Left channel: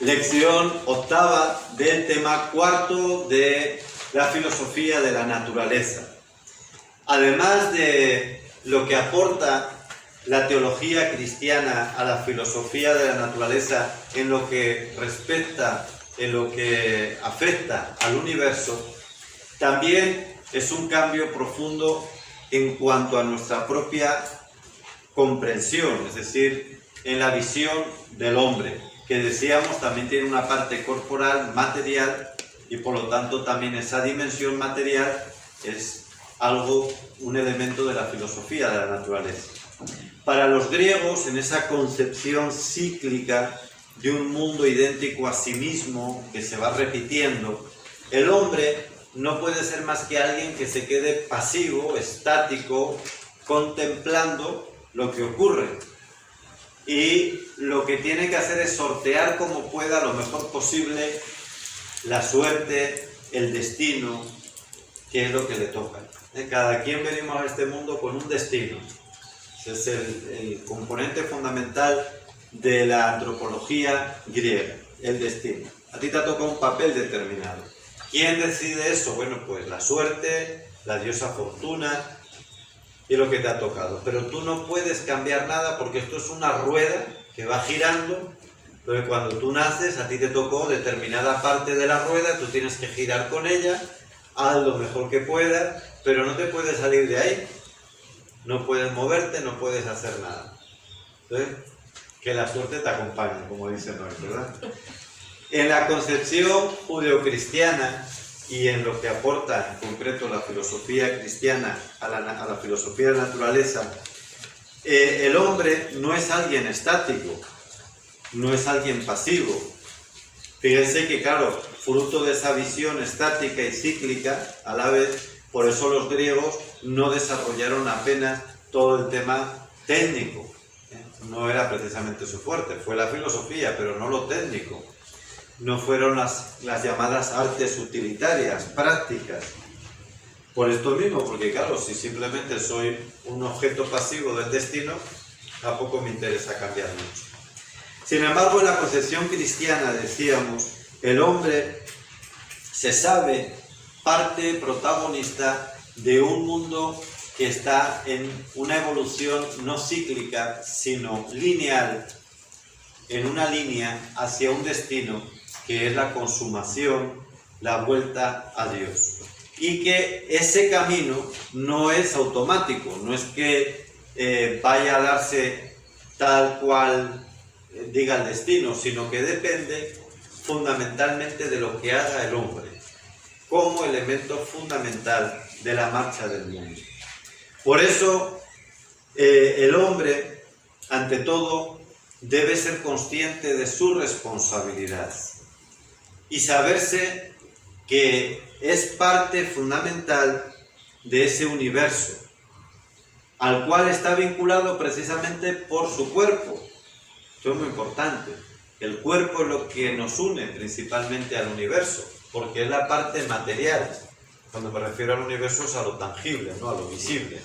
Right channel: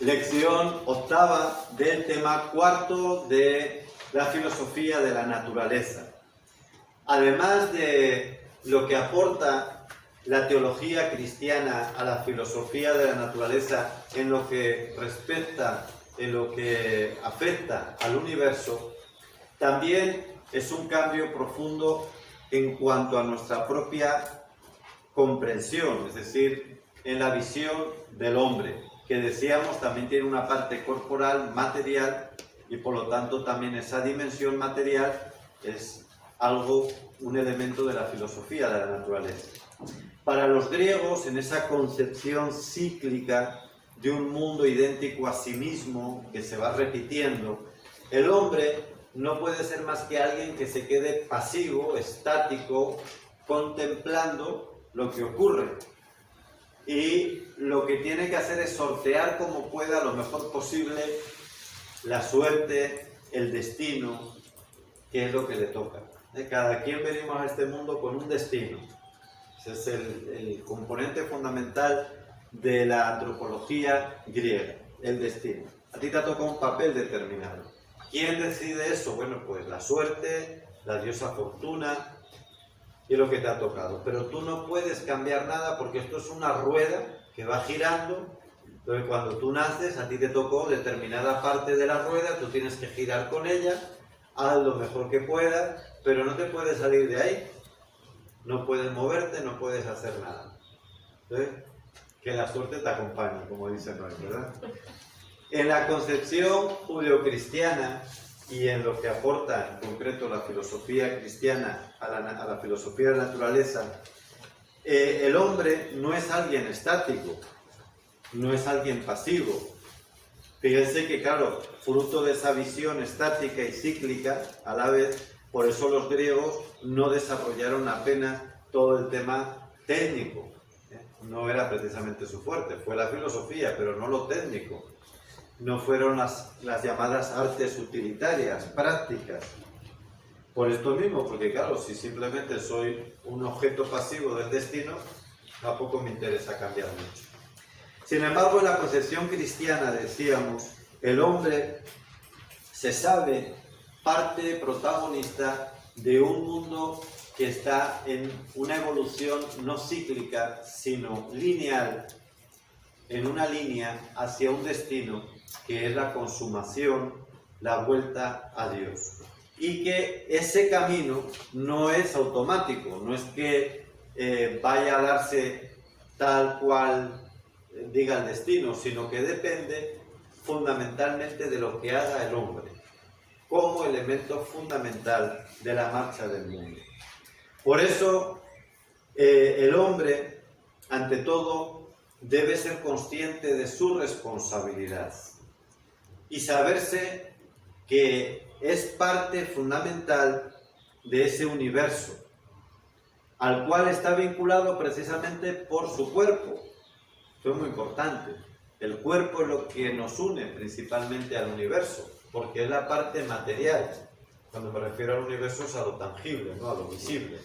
Lección octava del tema cuarto de la filosofía de la naturaleza. Además de lo que aporta la teología cristiana a la filosofía de la naturaleza en lo que respecta, en lo que afecta al universo, también es un cambio profundo en cuanto a nuestra propia comprensión, es decir, en la visión del hombre, que decíamos también tiene una parte corporal, material, y por lo tanto también esa dimensión material es algo, un elemento de la filosofía de la naturaleza. Para los griegos, en esa concepción cíclica de un mundo idéntico a sí mismo, que se va repitiendo, el hombre no puede ser más que alguien que se quede pasivo, estático, contemplando lo que ocurre. Y lo que tiene que hacer es sortear como pueda, lo mejor posible, la suerte, el destino, que es lo que le toca. Cada quien venimos a este mundo con un destino. Ese es el componente fundamental de la antropología griega, el destino. A ti te toca un papel determinado. ¿Quién decide eso? Bueno, pues la suerte, la diosa Fortuna y lo que te ha tocado. Pero tú no puedes cambiar nada porque esto es una rueda que va girando. Entonces cuando tú naces, a ti te tocó determinada parte de la rueda, tú tienes que girar con ella, haz lo mejor que puedas, pero no te puedes salir de ahí. No puedes moverte, no puedes hacer nada. Entonces, que la suerte te acompañe, como dice Noé, ¿verdad? En la concepción judeocristiana y en lo que aporta en concreto la filosofía cristiana a la filosofía de la naturaleza, el hombre no es alguien estático, no es alguien pasivo. Fíjense que, claro, fruto de esa visión estática y cíclica, a la vez, por eso los griegos no desarrollaron apenas todo el tema técnico. No era precisamente su fuerte, fue la filosofía, pero no lo técnico. No fueron las llamadas artes utilitarias, prácticas. Por esto mismo, porque claro, si simplemente soy un objeto pasivo del destino, tampoco me interesa cambiar mucho. Sin embargo, en la concepción cristiana, decíamos, el hombre se sabe parte protagonista de un mundo que está en una evolución no cíclica, sino lineal, en una línea hacia un destino que es la consumación, la vuelta a Dios. Y que ese camino no es automático, no es que vaya a darse tal cual diga el destino, sino que depende fundamentalmente de lo que haga el hombre, como elemento fundamental de la marcha del mundo. Por eso, el hombre, ante todo, debe ser consciente de su responsabilidad y saberse que es parte fundamental de ese universo, al cual está vinculado precisamente por su cuerpo. Esto es muy importante. El cuerpo es lo que nos une principalmente al universo, porque es la parte material. Cuando me refiero al universo es a lo tangible, no a lo visible.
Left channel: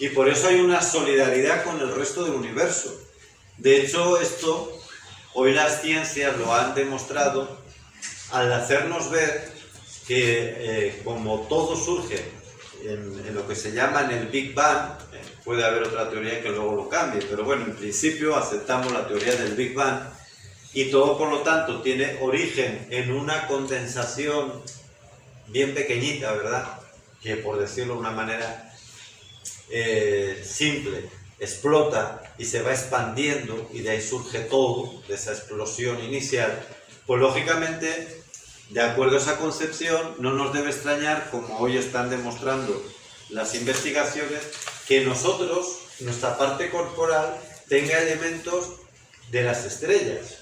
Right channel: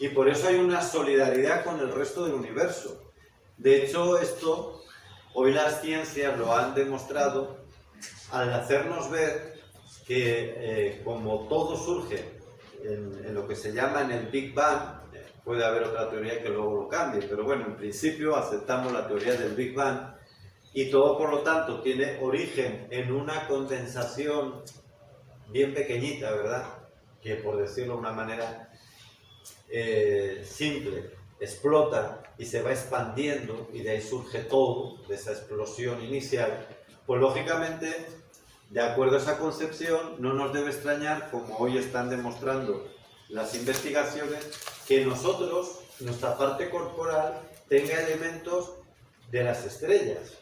Y por eso hay una solidaridad con el resto del universo. De hecho, esto hoy las ciencias lo han demostrado al hacernos ver que como todo surge en lo que se llama en el Big Bang, puede haber otra teoría que luego lo cambie, pero bueno, en principio aceptamos la teoría del Big Bang y todo por lo tanto tiene origen en una condensación bien pequeñita, ¿verdad? Que por decirlo de una manera simple, explota y se va expandiendo y de ahí surge todo, de esa explosión inicial. Pues lógicamente, de acuerdo a esa concepción, no nos debe extrañar, como hoy están demostrando las investigaciones, que nosotros, nuestra parte corporal, tenga elementos de las estrellas.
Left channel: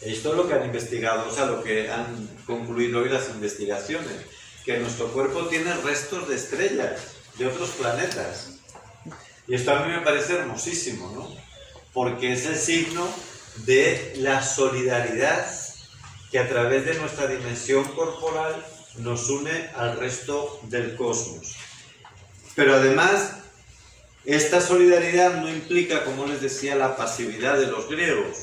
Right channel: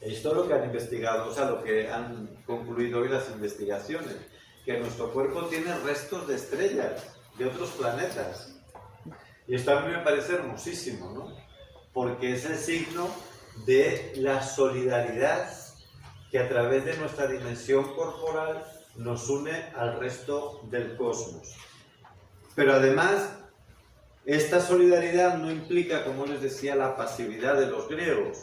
Esto es lo que han investigado, o sea, lo que han concluido hoy las investigaciones, que nuestro cuerpo tiene restos de estrellas, de otros planetas. Y esto a mí me parece hermosísimo, ¿no? Porque es el signo de la solidaridad que a través de nuestra dimensión corporal nos une al resto del cosmos. Pero además, esta solidaridad no implica, como les decía, la pasividad de los griegos,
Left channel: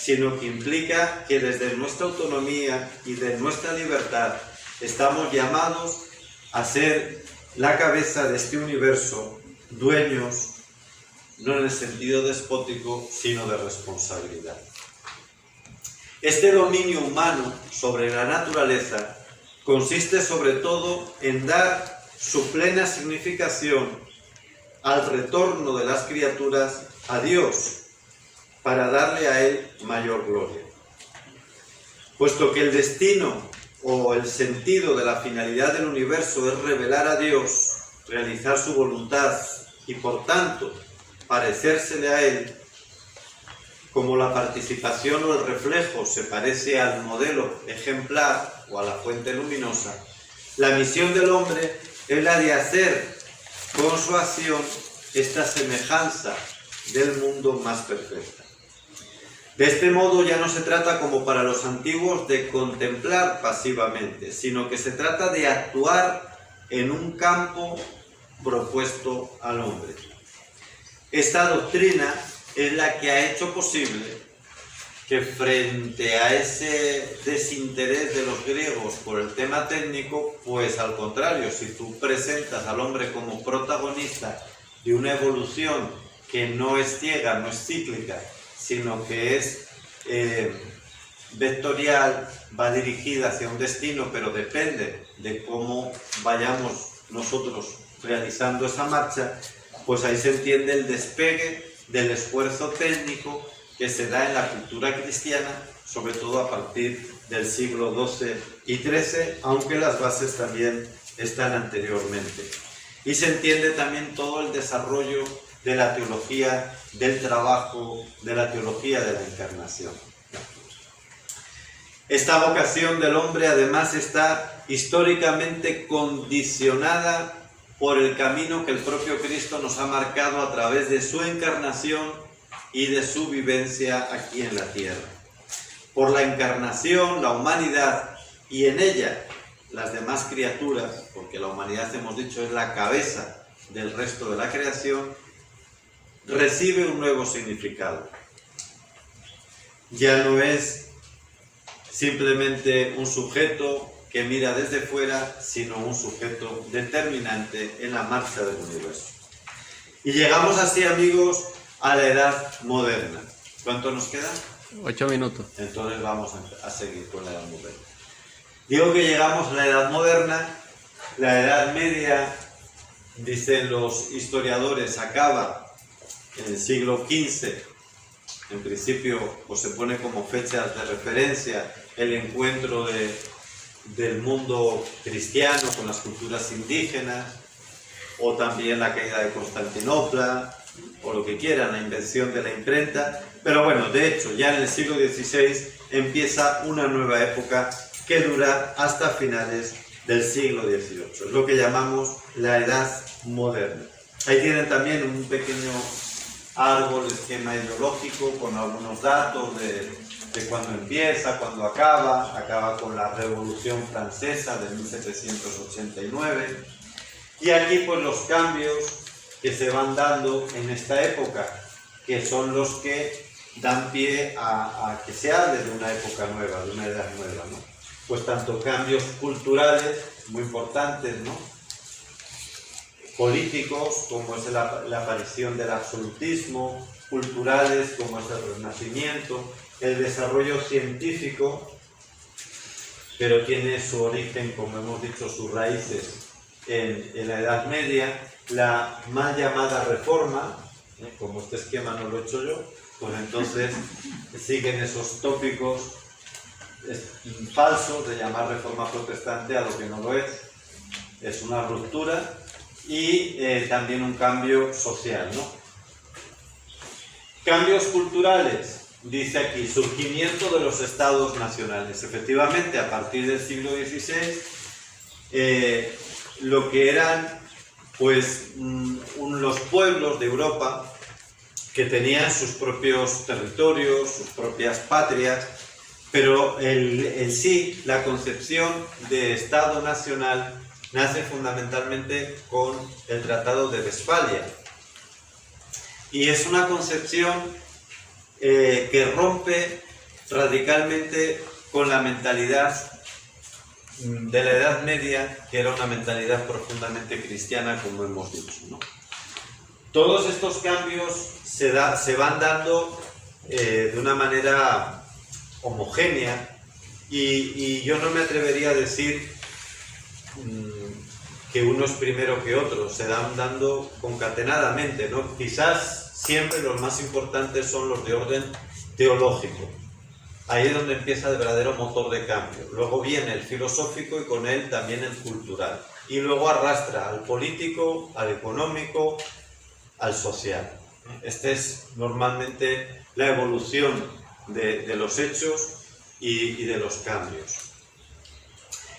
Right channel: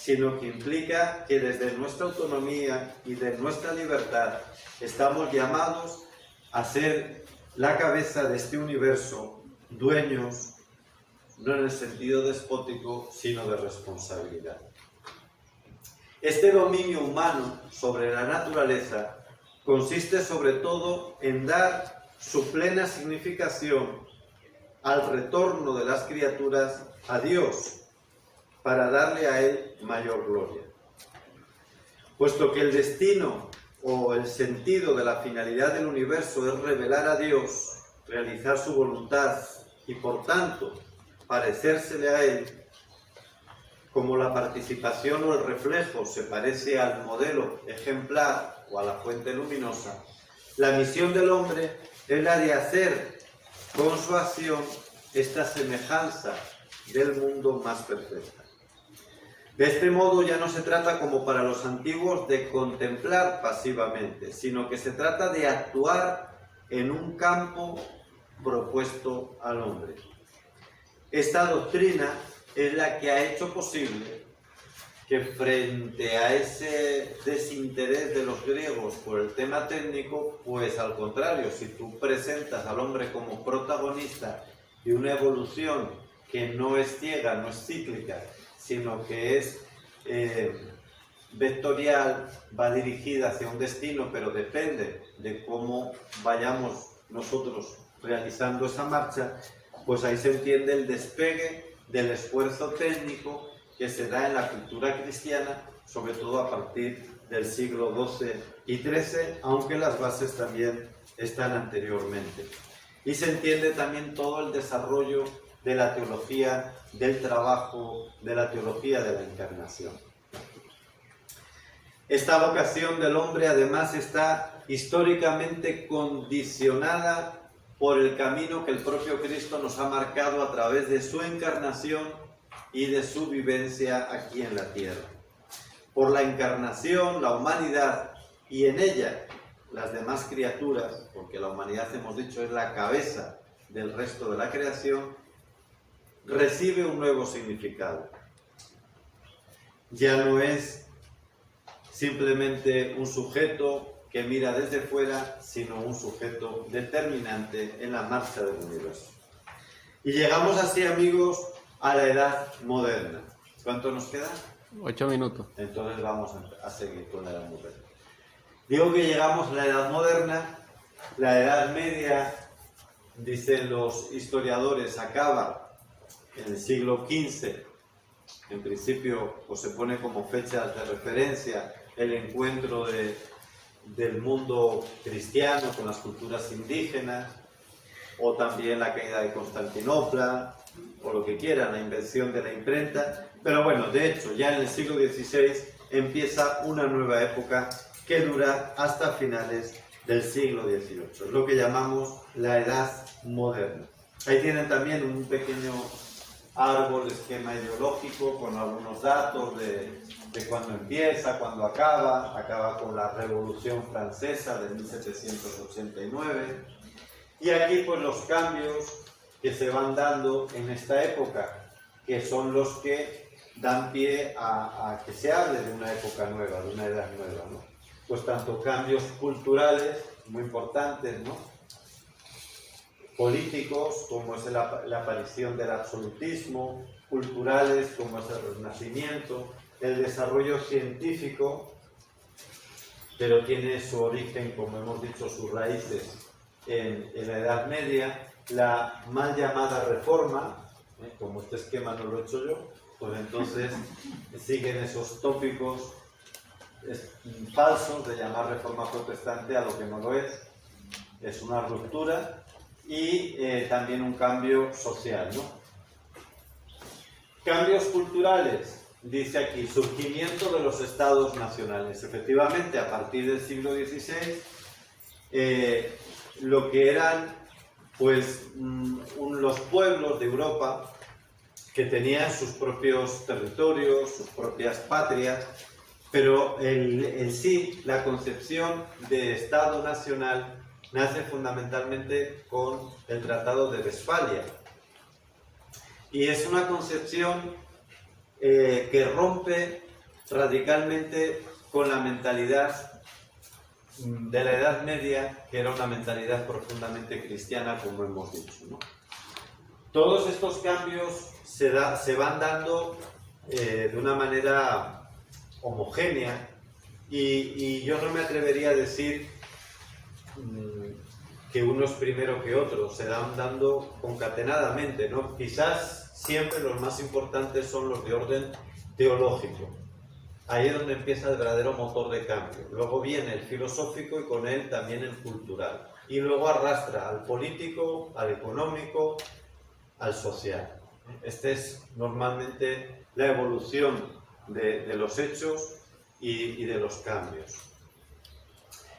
sino que implica que desde nuestra autonomía y de nuestra libertad estamos llamados a ser la cabeza de este universo, dueños, no en el sentido despótico, sino de responsabilidad. Este dominio humano sobre la naturaleza consiste sobre todo en dar su plena significación al retorno de las criaturas a Dios, para darle a Él mayor gloria. Puesto que el destino o el sentido de la finalidad del universo es revelar a Dios, realizar su voluntad y por tanto parecérsele a Él, como la participación o el reflejo se parece al modelo ejemplar o a la fuente luminosa, la misión del hombre es la de hacer con su acción esta semejanza del mundo más perfecta. De este modo ya no se trata, como para los antiguos, de contemplar pasivamente, sino que se trata de actuar en un campo propuesto al hombre. Esta doctrina es la que ha hecho posible que, frente a ese desinterés de los griegos por el tema técnico, pues al contrario, si tú presentas al hombre como protagonista de una evolución que no es ciega, no es cíclica, sino que es vectorial, va dirigida hacia un destino, pero depende de cómo vayamos nosotros realizando esa marcha, pues ahí se entiende el despegue del esfuerzo técnico que se da en la cultura cristiana, sobre todo a partir del siglo XII y XIII, aunque las bases también están anteriormente. Y se entiende también todo el desarrollo de la teología del trabajo, de la teología de la encarnación. Esta vocación del hombre además está históricamente condicionada por el camino que el propio Cristo nos ha marcado a través de su encarnación y de su vivencia aquí en la tierra. Por la encarnación, la humanidad y en ella las demás criaturas, porque la humanidad, hemos dicho, es la cabeza del resto de la creación, recibe un nuevo significado. Ya no es simplemente un sujeto que mira desde fuera, sino un sujeto determinante en la marcha del universo. Y llegamos así, amigos, a la edad moderna. ¿Cuánto nos queda? 8 minutos. Entonces vamos a seguir con la edad moderna. Digo que llegamos a la edad moderna. La edad media, dicen los historiadores, acaba en el siglo XV. En principio, pues se pone como fechas de referencia el encuentro del mundo cristiano con las culturas indígenas, o también la caída de Constantinopla, o lo que quieran, la invención de la imprenta. Pero bueno, de hecho, ya en el siglo XVI empieza una nueva época que dura hasta finales del siglo XVIII. Es lo que llamamos la Edad Moderna. Ahí tienen también un pequeño árbol, esquema ideológico, con algunos datos de cuándo empieza, cuándo acaba con la Revolución Francesa de 1789. Y aquí pues los cambios que se van dando en esta época, que son los que dan pie a que se hable de una época nueva, de una edad nueva, ¿no? Pues tanto cambios culturales muy importantes, ¿no? Políticos, como es la aparición del absolutismo, culturales, como es el Renacimiento, el desarrollo científico, pero tiene su origen, como hemos dicho, sus raíces en la Edad Media, la mal llamada Reforma, como este esquema no lo he hecho yo, pues entonces siguen esos tópicos falsos de llamar Reforma Protestante a lo que no lo es una ruptura y también un cambio social, ¿no? Cambios culturales, dice aquí, surgimiento de los estados nacionales. Efectivamente, a partir del siglo XVI, lo que eran pues los pueblos de Europa que tenían sus propios territorios, sus propias patrias, pero en sí la concepción de Estado nacional nace fundamentalmente con el Tratado de Westfalia. Y es una concepción que rompe radicalmente con la mentalidad de la Edad Media, que era una mentalidad profundamente cristiana, como hemos dicho, ¿no? Todos estos cambios se van dando de una manera homogénea y yo no me atrevería a decir que uno es primero que otro, se van dando concatenadamente, ¿no? Quizás siempre los más importantes son los de orden teológico. Ahí es donde empieza el verdadero motor de cambio. Luego viene el filosófico y con él también el cultural. Y luego arrastra al político, al económico, al social. Esta es normalmente la evolución de los hechos y de los cambios.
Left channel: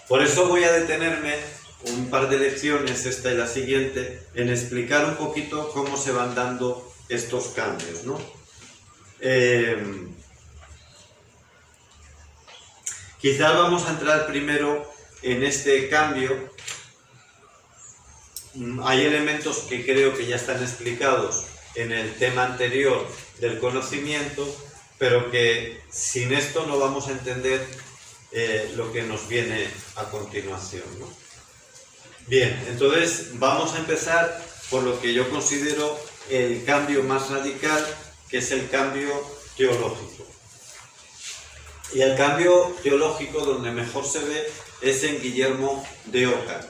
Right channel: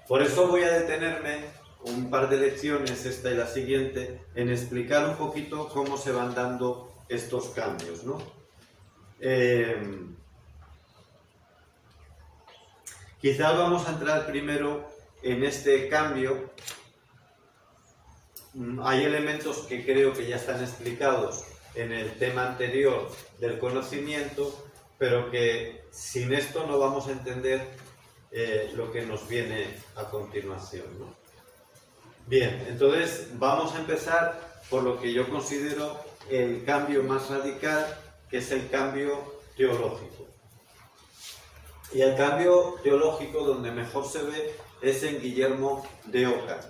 Por eso voy a detenerme un par de lecciones, esta y la siguiente, en explicar un poquito cómo se van dando estos cambios, ¿no? Quizás vamos a entrar primero en este cambio. Hay elementos que creo que ya están explicados en el tema anterior del conocimiento, pero que sin esto no vamos a entender lo que nos viene a continuación, ¿no? Bien, entonces vamos a empezar por lo que yo considero el cambio más radical, que es el cambio teológico. Y el cambio teológico donde mejor se ve es en Guillermo de Ockham,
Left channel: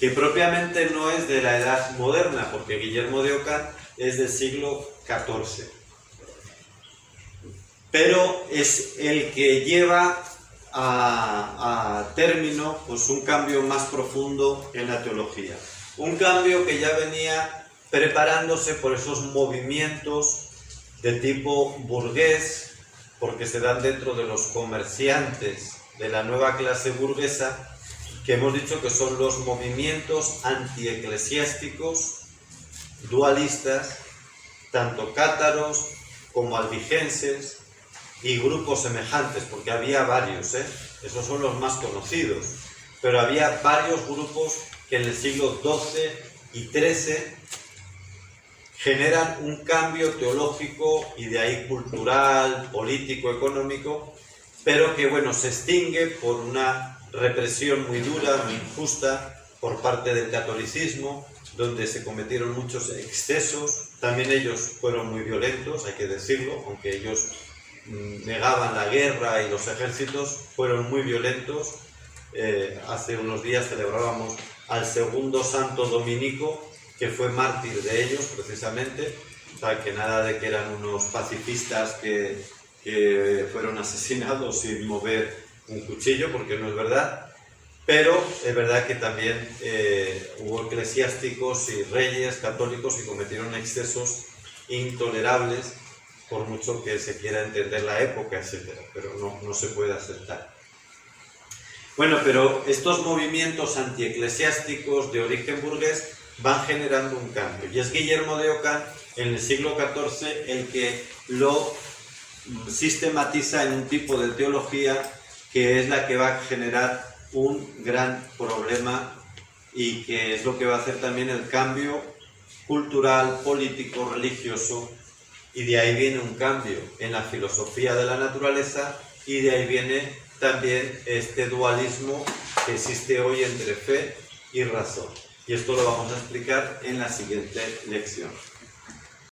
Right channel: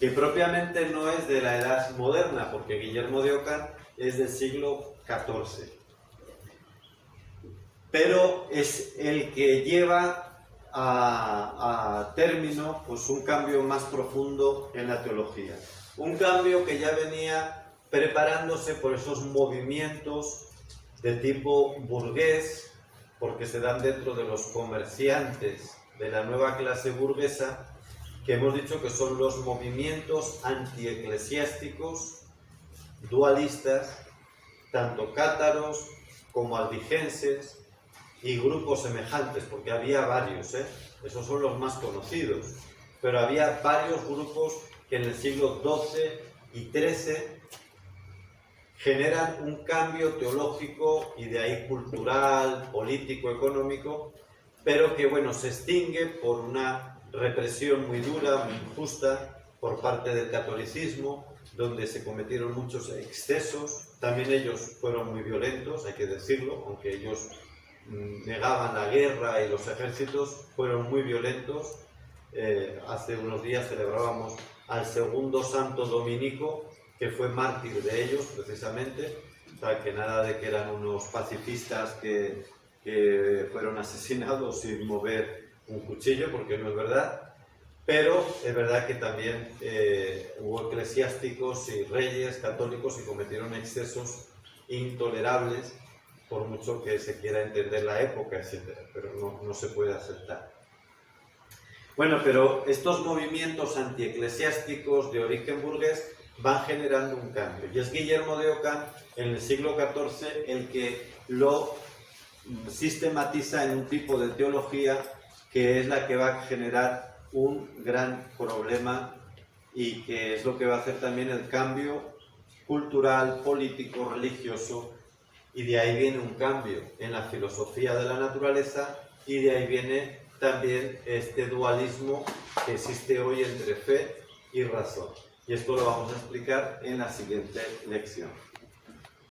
que propiamente no es de la edad moderna, porque Guillermo de Ockham es del siglo XIV. Pero es el que lleva a término pues, un cambio más profundo en la teología. Un cambio que ya venía preparándose por esos movimientos de tipo burgués, porque se dan dentro de los comerciantes de la nueva clase burguesa, que hemos dicho que son los movimientos antieclesiásticos, dualistas, tanto cátaros como albigenses y grupos semejantes, porque había varios, esos son los más conocidos, pero había varios grupos que en el siglo XII y XIII generan un cambio teológico y de ahí cultural, político, económico, pero que bueno, se extingue por una represión muy dura, muy injusta por parte del catolicismo, donde se cometieron muchos excesos. También ellos fueron muy violentos, hay que decirlo, aunque ellos negaban la guerra y los ejércitos, fueron muy violentos. Hace unos días celebrábamos al segundo santo dominico, que fue mártir de ellos precisamente, o sea, que nada de que eran unos pacifistas que fueron asesinados sin mover un cuchillo, porque no es verdad, pero es verdad que también hubo eclesiásticos y reyes católicos que cometieron excesos intolerables, por mucho que se quiera entender la época, etc., pero no se puede aceptar. Bueno, pero estos movimientos antieclesiásticos de origen burgués van generando un cambio, y es Guillermo de Ockham en el siglo XIV el que lo sistematiza en un tipo de teología que es la que va a generar un gran problema y que es lo que va a hacer también el cambio cultural, político, religioso, y de ahí viene un cambio en la filosofía de la naturaleza y de ahí viene también este dualismo que existe hoy entre fe y razón. Y esto lo vamos a explicar en la siguiente lección.